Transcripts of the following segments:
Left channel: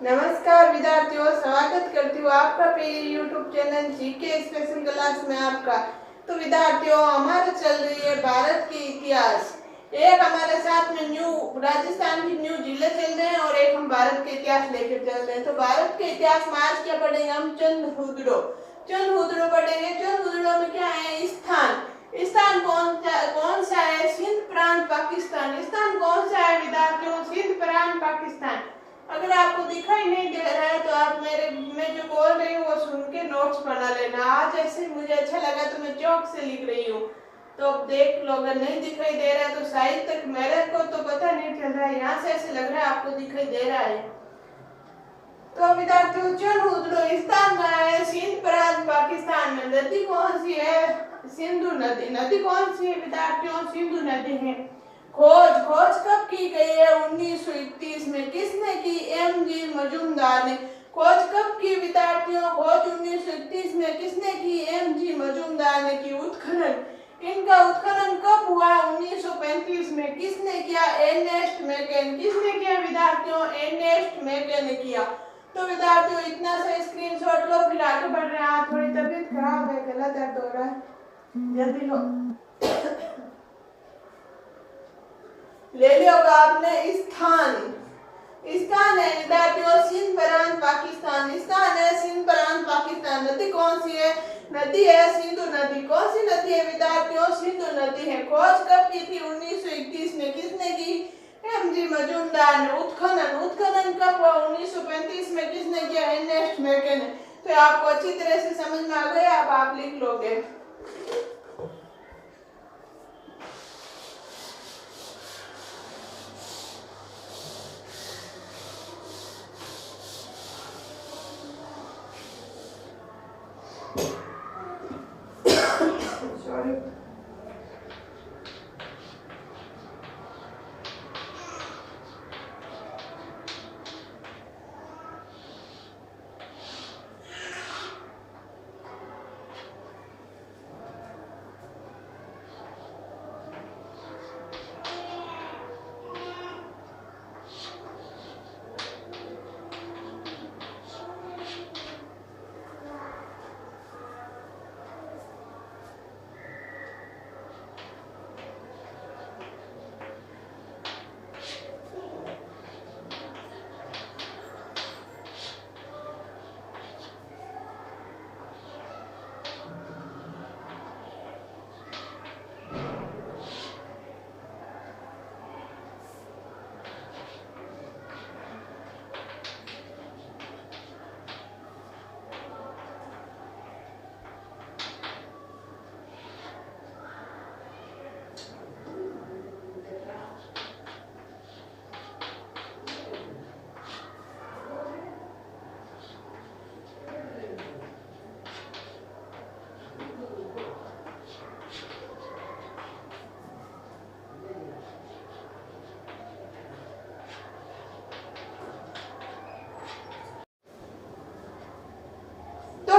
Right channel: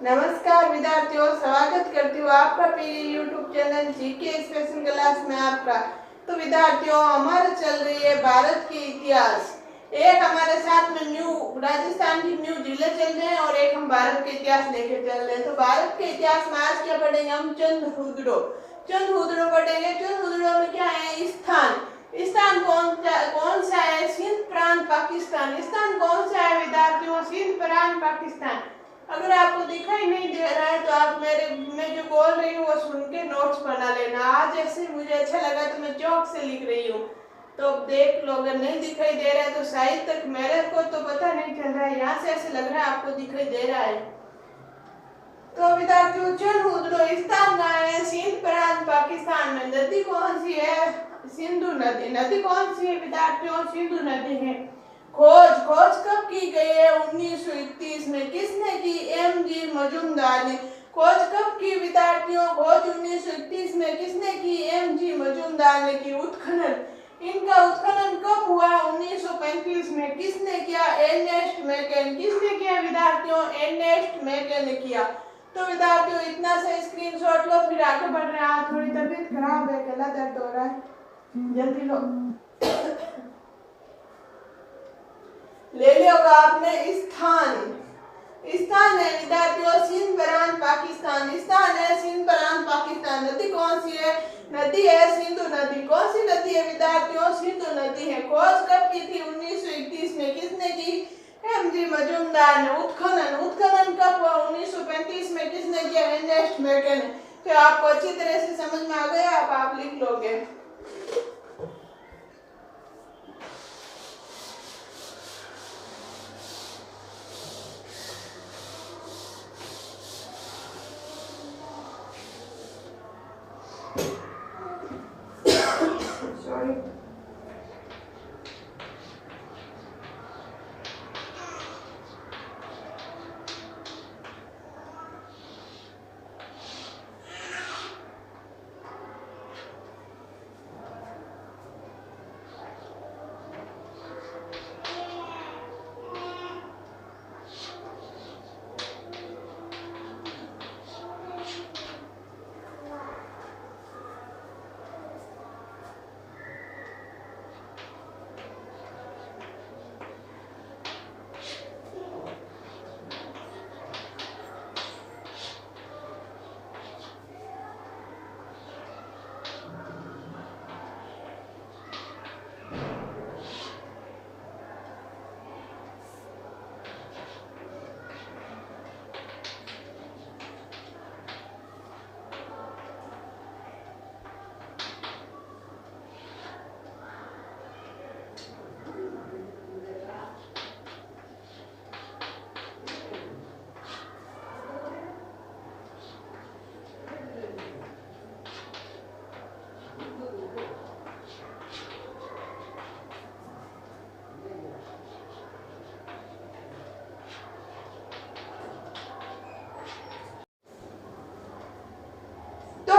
नमस्कार विद्यार्थियों, स्वागत करती हूँ आपका मेरे YouTube channel GK special class में आपका। तो विद्यार्थियों, हमारे चल रही है भारत के इतिहास। एक हमारे साथ में न्यू राजस्थान की न्यू जिले चल रहे हैं और एक हम भारत के इतिहास लेकर चल रहे हैं। तो भारत के इतिहास में आज क्या पढ़ेंगे हम? चंद्रहुदड़ो पढ़ेंगे। चंद्रहुदड़ो में क्या है? स्थान कौन सा है? सिंध प्रांत पाकिस्तान। स्थान कौन सा है विद्यार्थियों? सिंध प्रांत पाकिस्तान। अगर आपको दिखाई नहीं दे रहा है तो आप मैं जो बोल रही हूँ वो सुन के नोट्स बना लेना। आज ऐसे मुझे अच्छा लगा तो मैं चौक से लिख रही हूँ, तो देख लो। अगर नहीं दिखाई दे रहा है तो शायद तक मेरे को तो पता नहीं चल रहा है, यहाँ से ऐसे लग रहा है आपको दिखाई दे रहा है। तो विद्यार्थियों, चंद्रहुदड़ो स्थान कहाँ है? सिंध प्रांत पाकिस्तान में। नदी कौन सी है? सिंधु नदी। नदी कौन सी है विद्यार्थियों? सिंधु नदी है। खोज कब की गई है? 1931 में। किसने की? एम.जी. मजूमदार ने। खोज कब की विद्यार्थियों? खोज 1931 में। किसने की? एम.जी. मजूमदार ने की। उत्खनन, इनका उत्खनन कब हुआ? 1935 में। किसने किया? Earnest McKeon. किसने किया विद्यार्थियों? एर्नेस्ट मैकन ने किया। तो विद्यार्थियों, इतना सा स्क्रीनशॉट लो, फिर आगे बढ़ रहे हैं। आज थोड़ी तबीयत खराब है, गला दर्द हो रहा है, जल्दी लो। ले लियोगा आपने। स्थान है विद्यार्थियों सिंध प्रांत पाकिस्तान। स्थान है सिंध प्रांत पाकिस्तान। नदी कौन सी है? नदी है सिंधु नदी। कौन सी नदी है विद्यार्थियों? सिंधु नदी है। खोज कब की थी? 1931 में। किसने की? एम.जी. मजूमदार ने। उत्खनन कब हुआ? 1935 में। किसने किया? एर्नेस्ट मैकन ने। तो आपको अच्छी तरह से समझ में आ गया, आप लिख लोगे। सॉरी।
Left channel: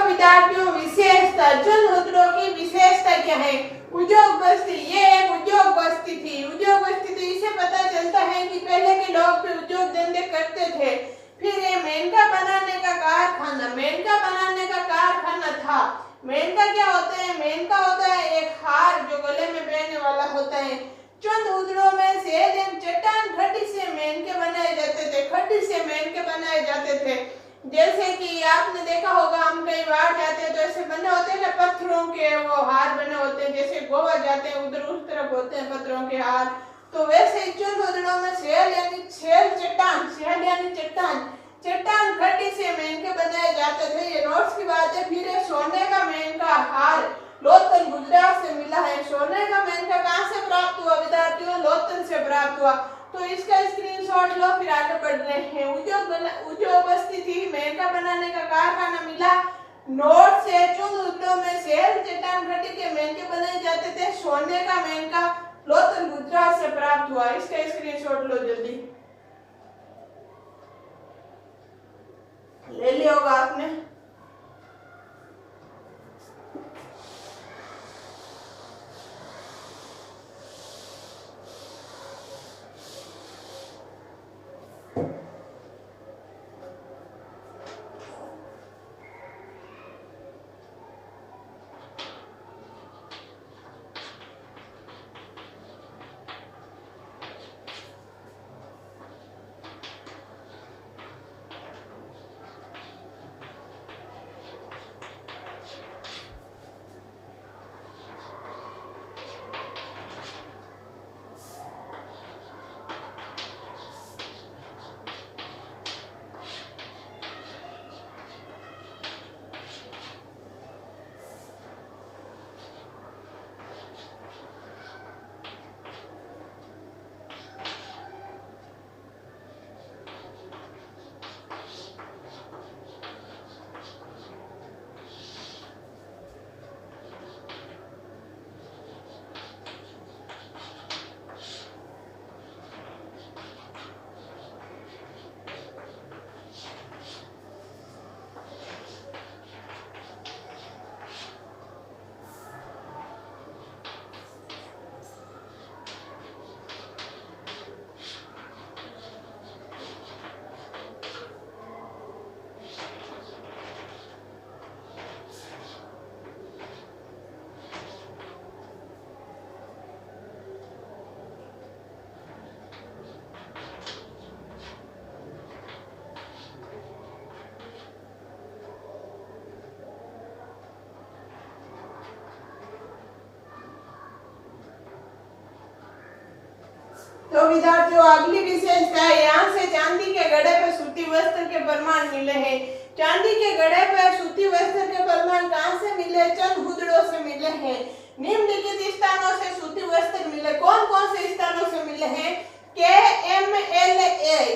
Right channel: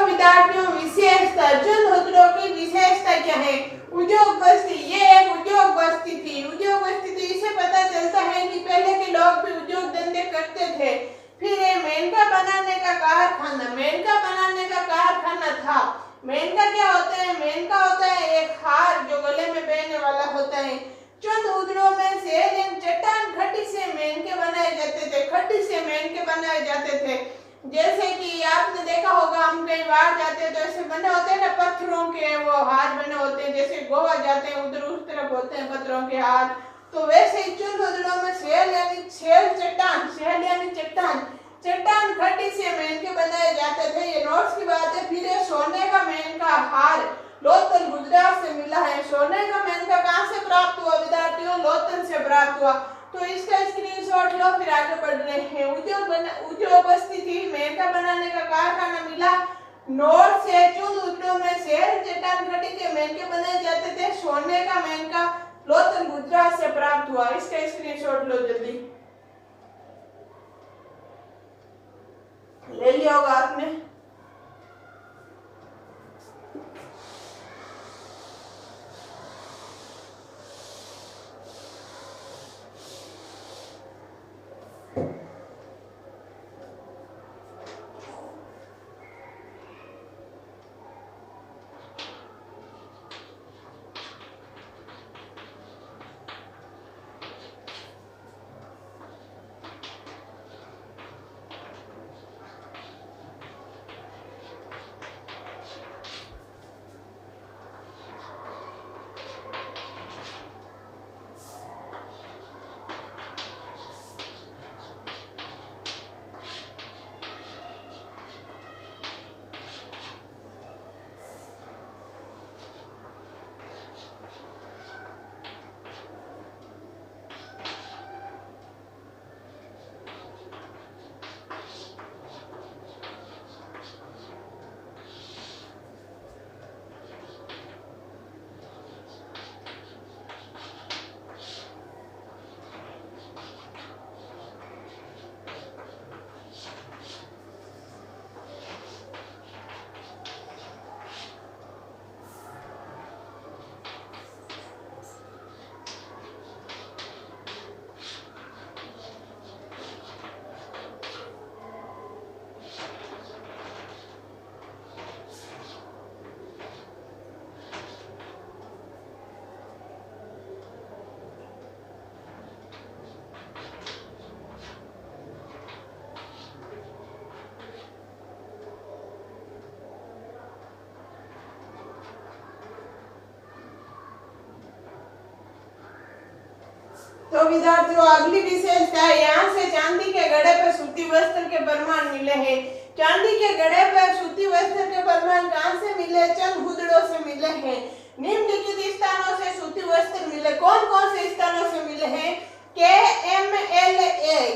विद्यार्थियों, विशेषता। चंद्रहुदड़ो की विशेषता क्या है? उद्योग बस्ती। ये एक उद्योग बस्ती थी। उद्योग बस्ती तो इसे पता चलता है कि पहले के लोग भी उद्योग धंधे करते थे। फिर ये मेनका बनाने का कारखाना था। मेनका क्या होता है? मेनका होता है एक हार जो गले में पहनने वाला होता है। चंद्रहुदड़ो में सेल एवं चट्टान खड्डी से मेनके बनाए जाते थे। जैसे कि आपने देखा होगा, हम कई बार जाते हैं तो ऐसे बने होते हैं ना पत्थरों के, वो हार बने होते हैं। जैसे गोवा जाते हैं उधर उस तरफ होते हैं पत्थरों के हार। तो वैसे ही चंद्रहुदड़ो में चट्टान खड्डी से मेनके बनाए जाते थे। ये नोट्स की बात है। फिर ये सोने का मेनका हार लोथल गुजरात से मिला है। सोने का मेनका कहाँ से प्राप्त हुआ विद्यार्थियों? लोथल से प्राप्त हुआ। तो इसका स्क्रीनशॉट लो, फिर आगे बढ़ रहे हैं। उद्योग बस्ती थी, मेनका बनाने का कारखाना मिला। नोट से चंद्रहुदड़ो में सेल चट्टान खड्डी के मेनके बनाए जाते थे। सोने का मेनका लोथल गुजरात से प्राप्त हुआ। इसका स्क्रीनशॉट लो जल्दी। ले लिया होगा आपने। विद्यार्थियों अगली विशेषता है, यहाँ से चांदी के घड़े पर सूती वस्त्र के प्रमाण मिले हैं। चांदी के घड़े पर सूती वस्त्र के प्रमाण कहाँ से मिले? चंद हुदड़ों से मिले हैं। निम्नलिखित स्थानों से सूती वस्त्र मिले, कौन कौन से स्थानों से मिले हैं? KMLA,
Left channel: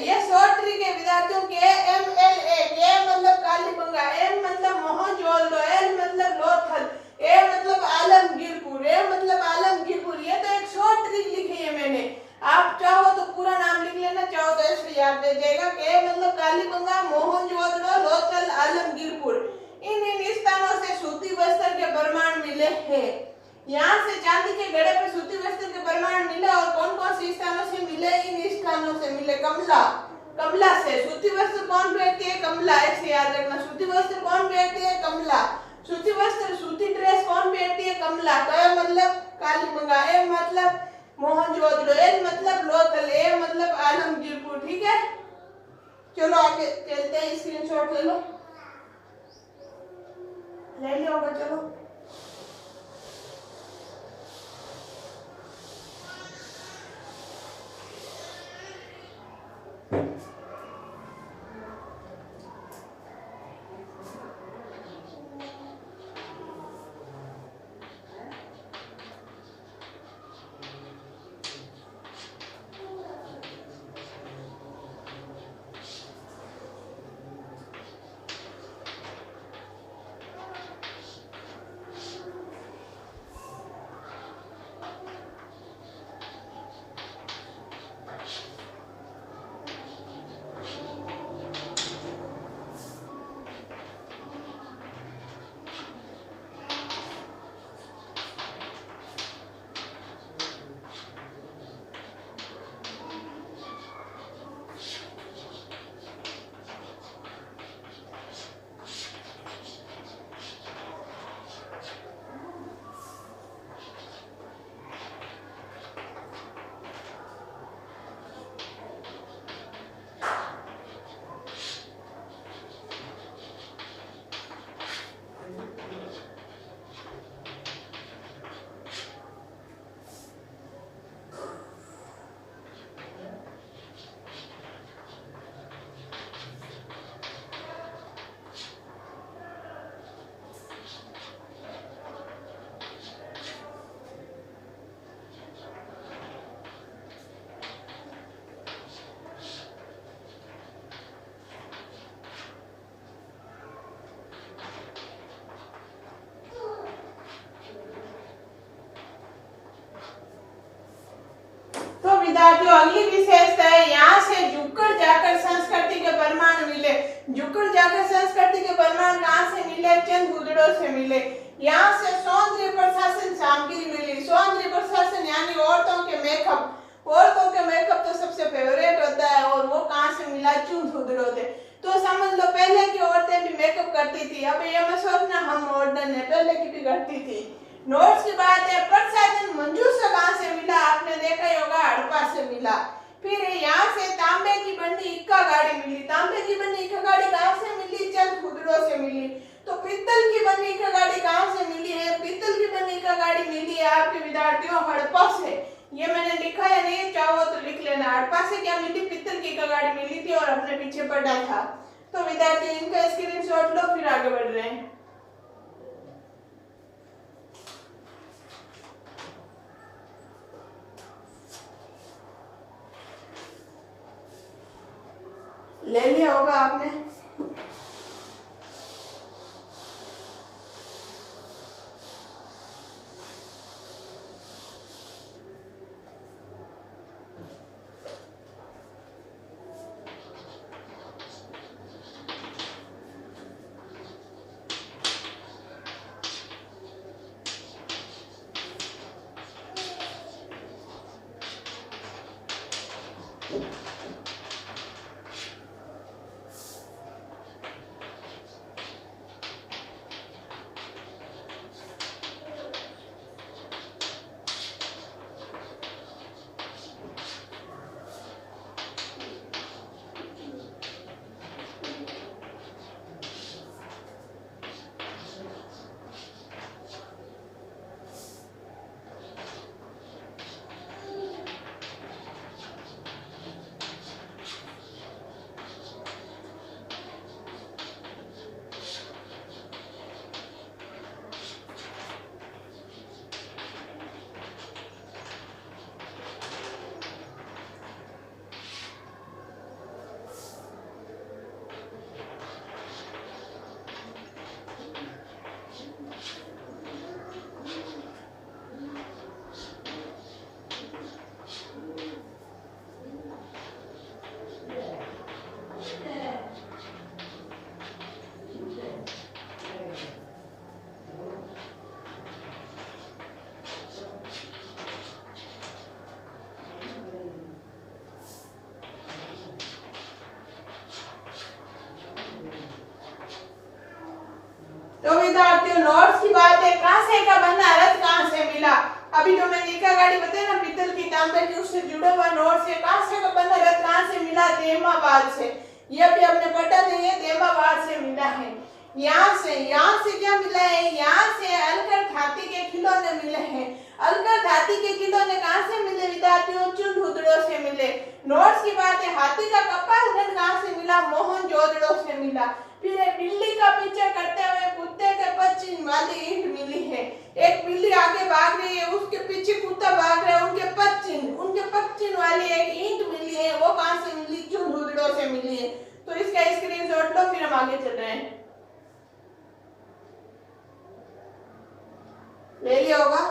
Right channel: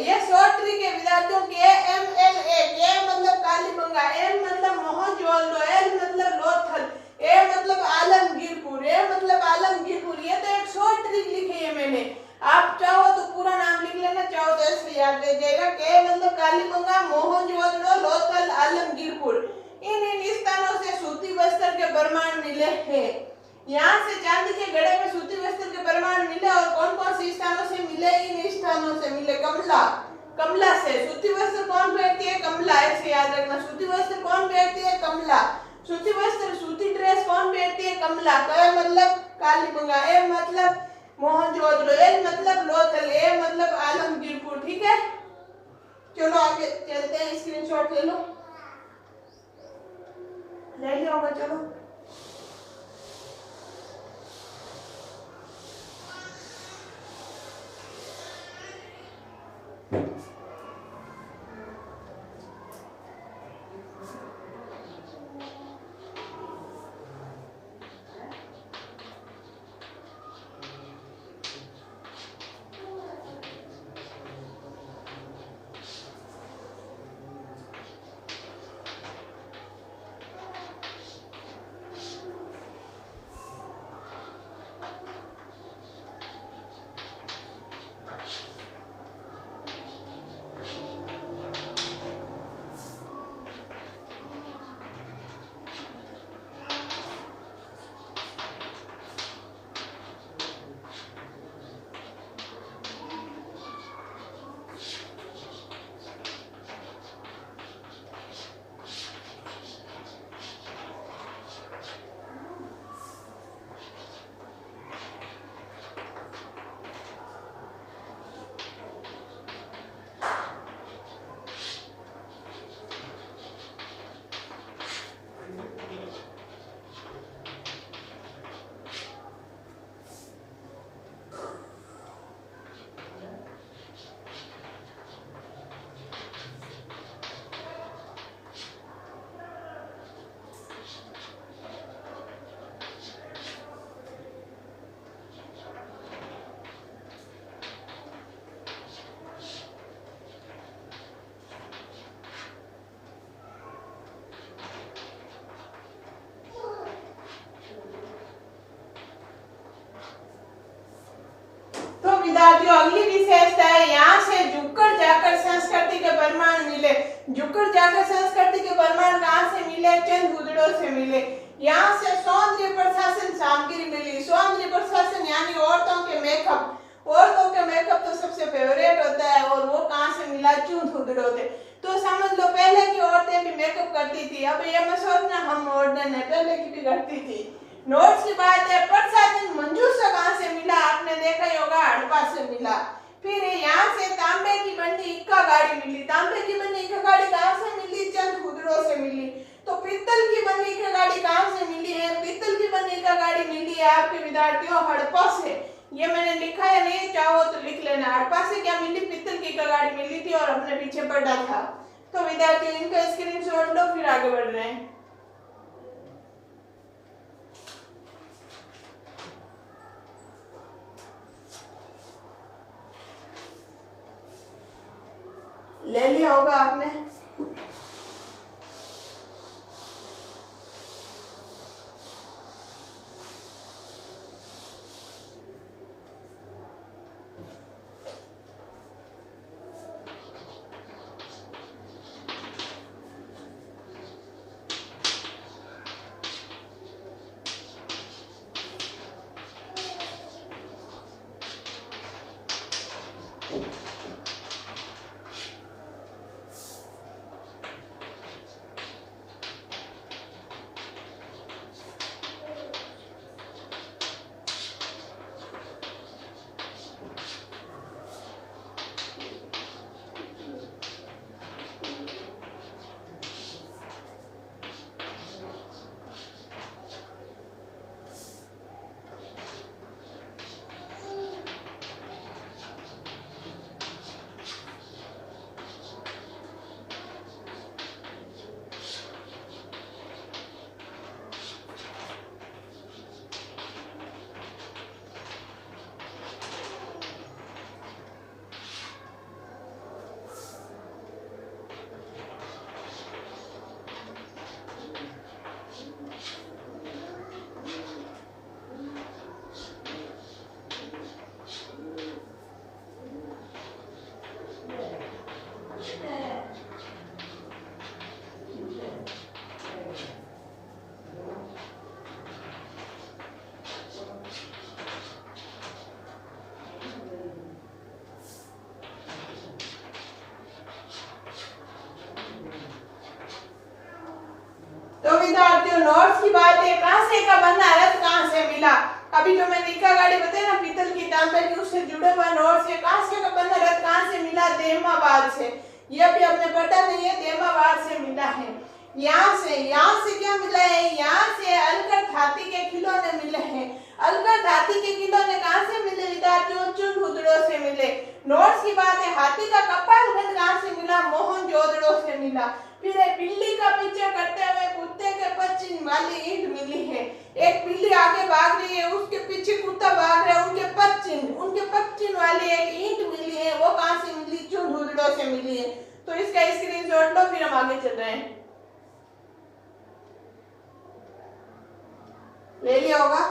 ये शॉर्ट ट्री के विद्यार्थियों KMLA, के मतलब कालीबंगा, M मतलब मोहनजोदड़ो, L मतलब लोथल, A मतलब आलमगीरपुर, A मतलब आलमगीरपुर। ये तो एक शॉर्ट ट्रिक लिखी है मैंने, आप चाहो तो पूरा नाम लिख लेना, चाहो तो ऐसे याद रह जाएगा। के मतलब कालीबंगा, मोहनजोदड़ो, लोथल, आलमगीरपुर। इन स्थानों से सूती वस्त्र के प्रमाण मिले हैं। यहाँ से चांदी के घड़े पे सूती वस्त्र के प्रमाण मिले और कौन कौन से स्थानों से मिले? इन स्थानों से मिले। कमला से सूती वस्त्र कौन पहनती है? कमला, ऐसे याद रखना। सूती वस्त्र कौन पहनती है? कमला। सूती वस्त्र, सूती ड्रेस कौन पहनती है? कमला। क मतलब कालीबंगा, ए मतलब मोहनजोदड़ो, एल मतलब लोथल, ए मतलब आलमगीरपुर। ठीक है, चलो आगे चलते हैं। स्क्रीनशॉट ले लो, ले लिया होगा। चलो विद्यार्थियों अगली विशेषता है, यहाँ से झुककर जाकर संस्कृति के प्रमाण मिले। झुककर जाकर संस्कृति के प्रमाण कहाँ से मिले? चंद हुदड़ों से मिले। यहाँ से सौंदर्य प्रशासन सामग्री मिली। सौंदर्य प्रशासन यानी औरतों के मेकअप। औरतों के मेकअप तो सबसे फेवरेट होता है, और वो कहाँ से मिला? चंद हुदड़ों से। तो समझ लो पहले की औरतें भी मेकअप करती थी, अब ये मत सोचना हम मॉडर्न है, पहले की भी करती थी। नोट्स की बात है, प्रसाधन मंजूर से कहाँ से मिला? आपने देखा ही होगा, हड़प्पा से मिला। फिर यहाँ से तांबे की बनी इक्का गाड़ी मिली। तांबे की बनी इक्का गाड़ी कहाँ से मिली? चंद हुदड़ों से मिली। तो पीतल की बनी इक्का गाड़ी कहाँ से मिली है? पीतल की बनी इक्का गाड़ी मिली है आपके विद्यार्थियों हड़प्पा से। ये मैंने लिखा है नहीं, चाहो तो लिख लेना। हड़प्पा से क्या मिली? पीतल की इक्का गाड़ी मिली थी और अपने पीछे पड़ा था। तो विद्यार्थियों इनका स्क्रीनशॉट लो, फिर आगे बढ़ रहे हैं। ले लिया होगा आपने। तो विद्यार्थियों नोट्स की बात है, कांसे का बना रथ कहां से मिला। अभी जो मैंने इका गाड़ी बताया ना पीतल की तांबे की, उससे जुड़ा हुआ नोट्स है। कांसे का बना रथ कहां से मिला, देमाबाद से। ये भी आपने पढ़ा नहीं है, देमाबाद से मिला है। यहाँ से क्या मिला है, यहाँ से अलकर धाती के खिलौने मिले हैं। अलकर धाती के खिलौने कहां से मिले विद्यार्थियों, चुनहुदड़ो से मिले। नोट्स की बात है, हाथी का कपालगंज कहां से मिला, मोहनजोदड़ो से मिला। फिर एक बिल्ली का पीछा करते हुए कुत्ते के पश्चिम वाली ईंट मिली है। एक बिल्ली आगे भाग रही है, उसके पीछे कुत्ता भाग रहा है, उनके पश्चिम वाली एक ईंट मिली है। वो कहां से मिली, चुनहुदड़ो से मिली है। तो इसका स्क्रीनशॉट लो, फिर हम आगे चल रहे हैं। ले लिया होगा।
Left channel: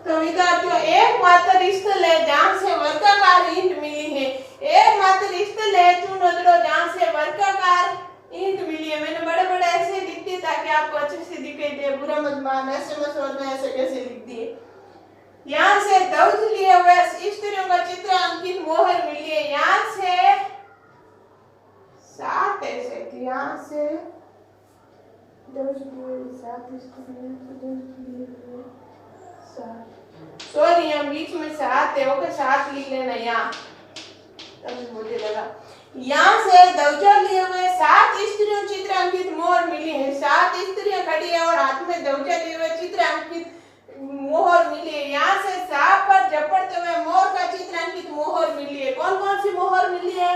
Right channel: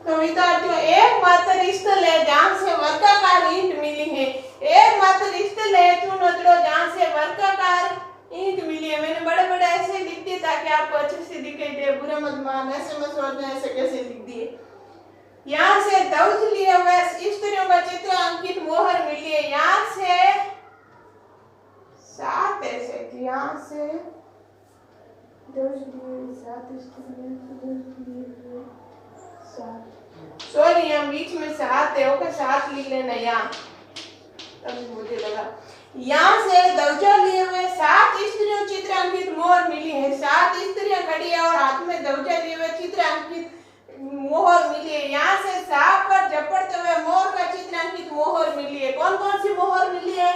तो विद्यार्थियों एकमात्र स्थल है जहां से वर्गाकार ईंट मिली है। एकमात्र स्थल है चुनहुदड़ो जहां से वर्गाकार ईंट मिली है। मैंने बड़े बड़े ऐसे लिख दिए ताकि आपको अच्छे से दिखाई दे, बुरा मत मान, ऐसे मत सोचना ऐसे कैसे लिख दिए। यहाँ से ध्वज लिए हुए स्त्रियों का चित्र अंकित मोहर मिली है। यहाँ से 7 ऐसे थे, यहाँ से ध्वज लिए 7 स्त्रियों, सॉरी हम बीच में 7 है, ओके 7 लिख लेना यहाँ, तभी मुझे लगा। यहाँ से ध्वजा लिए हुए 7 स्त्रियों चित्रांकित मोहर मिली है। 7 स्त्रियां खड़ी है और हाथ में ध्वजा लिए हुए चित्रांकित मोहर मिली है। यहाँ से सांप पर झपटते हुए मोर का चित्रांकित मोहर मिली है। कौन कौन सी मोहर मिली है,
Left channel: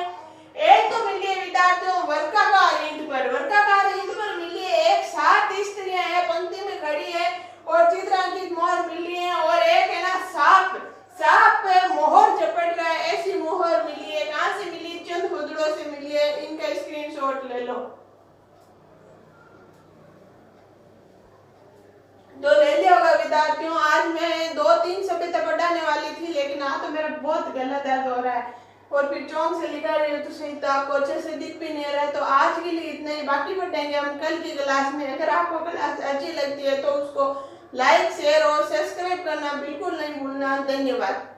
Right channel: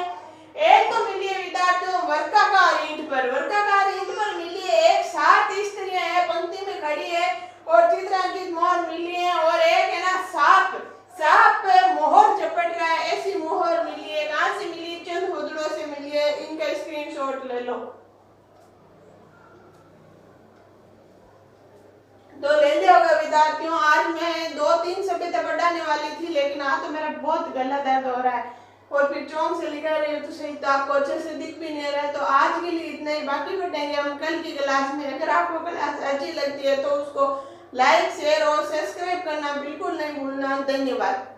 एक तो मिली है विद्यार्थियों वर्गाकार ईंट पर, वर्गाकार ईंट पर मिली है। एक 7 स्त्रियां है पंक्ति में खड़ी है और चित्रांकित मोहर मिली है, और एक है ना सांप पे मोहर झपट रहा है, ऐसी मोहर मिली है। कहां से मिली, चुनहुदड़ो से मिली है। इनका स्क्रीनशॉट ले लो। तो ले लिया होगा विद्यार्थियों। आज मैं 2-3 सभ्यता पढ़ाने वाली थी, लेकिन आज तो मेरा बहुत गला दर्द हो रहा है और फिर चौंक से लिखा रही हूँ तो सही तो आपको अच्छे से दिख भी नहीं रहा है। तो आज के लिए इतना ही, बाकी पढ़ेंगे हम कल की क्लास में। अगर आपको क्लास अच्छी लगती है तो उसको लाइक, शेयर और सब्सक्राइब करना बिल्कुल नहीं भूलना। धन्यवाद।